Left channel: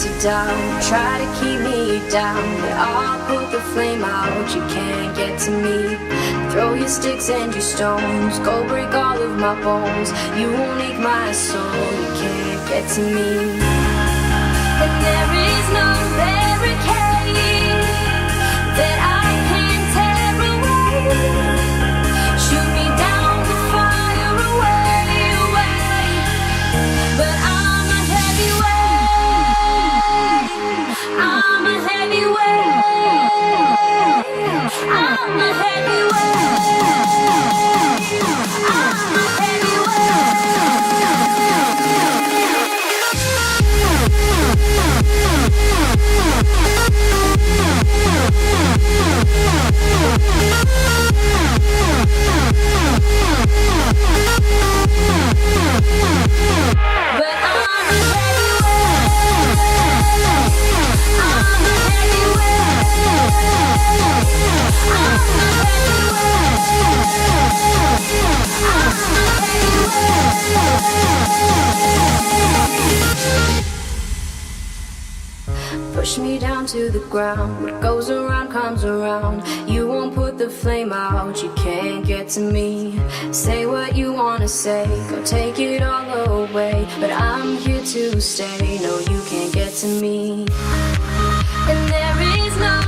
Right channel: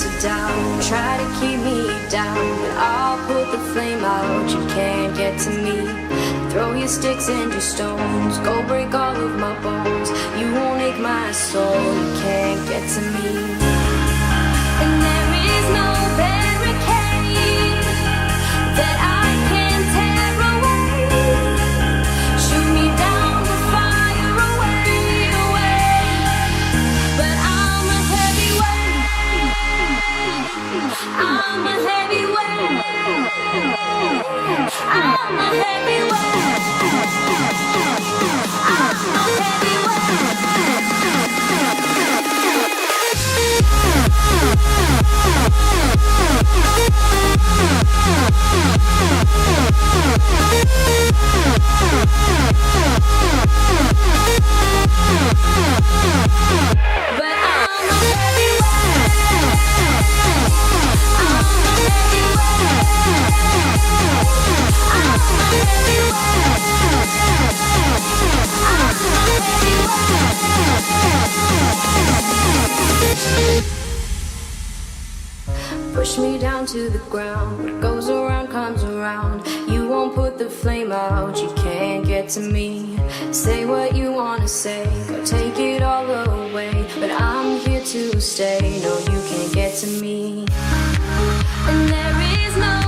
voice of doubt try to keep me down, but I'll put the flame out. You can't get to me. Throw your sticks and your stones, go break all of my bones. You won't ache my soul. You can't get to me. And there is no barricade that I can tear away. Shoot me down to fire away, away. But I'm a heavyweight. I'm a heavyweight. I'm a heavyweight. Push me down to the ground. What goes around comes around. You won't put the flame out. You can't get to me. Say what you wanna say. Go take it all away. But I'm here to stay. No, you can't get to me. And there is no